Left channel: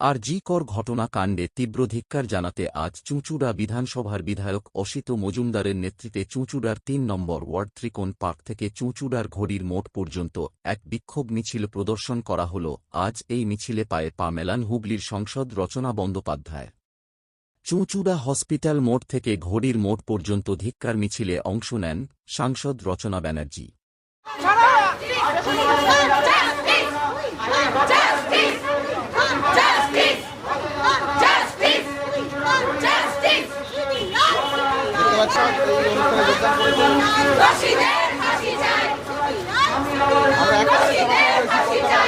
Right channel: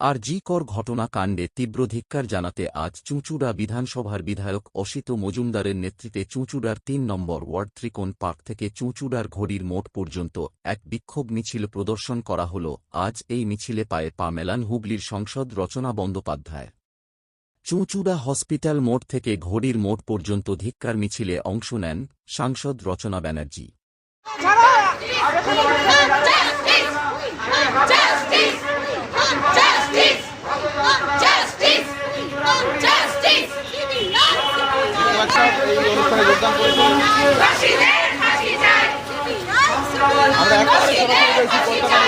আর জি কর ঘটনা কাণ্ডে তীব্র ধিক্কার জানাতে আজ চুঁচুড়া বিধানসভার বিধায়ক অসিত মজুমদারের নেতৃত্বে চুঁচুড়ার তিন নম্বর ওয়ার্ড ত্রিকোণ পার্ক থেকে চুঁচুড়ার ঘড়ির মোট পর্যন্ত এক বিক্ষোভ মিছিল প্রদর্শন করা হল। আজ এই মিছিলে পায়ে পা মেলান হুগলির সংসদ রচনা বন্দ্যোপাধ্যায়। চুঁচুড়া হসপিটাল মোড় থেকে ঘড়ির মোট পর্যন্ত ধিক্কার মিছিলে অংশ নেন সাংসদ রচনা ব্যানার্জি। আমরা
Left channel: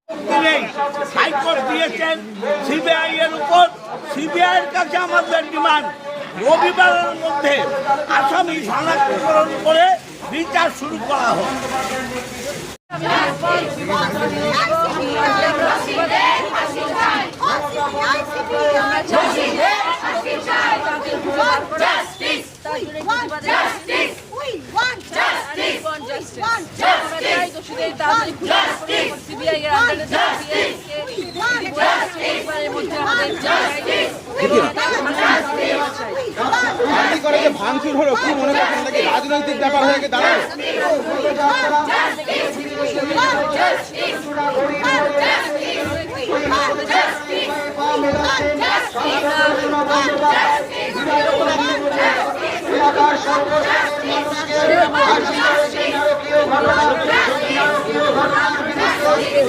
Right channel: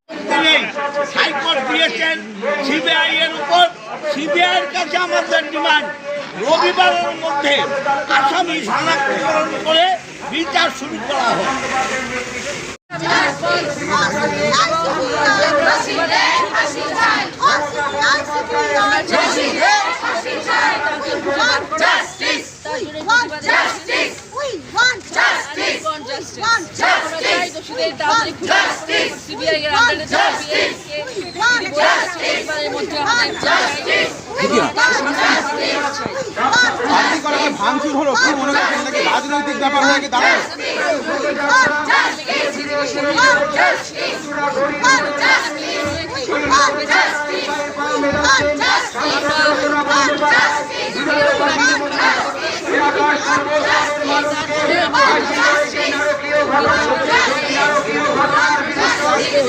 তিনি হাইকোর্ট দিয়েছেন সিবিআই এর উপর। সিবিআই এর কাছে আমাদের ডিমান্ড রবিবারের মধ্যে আসামি শনাক্তকরণ করে বিচার শুরু করা হোক। আমরা চাই। তাকে খুঁজে বার করে। তার জন্য আমরা চাই দোষীদের তাড়াতাড়ি খুঁজে করে সিবিআই এর আন্ডারে সিবিআই কে বলে গেছে মধ্যে আমাদের চাই এবং তার শাস্তি আমরা চাই আপনি করে যে ভাঙচুর হলো কি মনে কি রাজনৈতিক ব্যাপার হয়ে দাঁড়ায়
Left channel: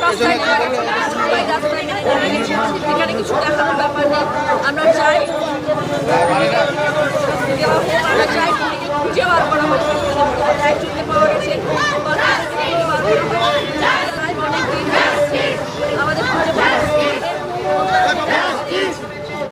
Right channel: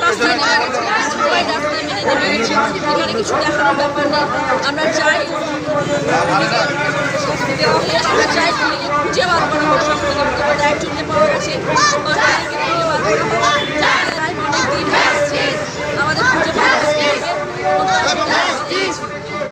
খুঁজে রাস্তায় মেনে নেবে। সব থেকে বড় কথা একজনকে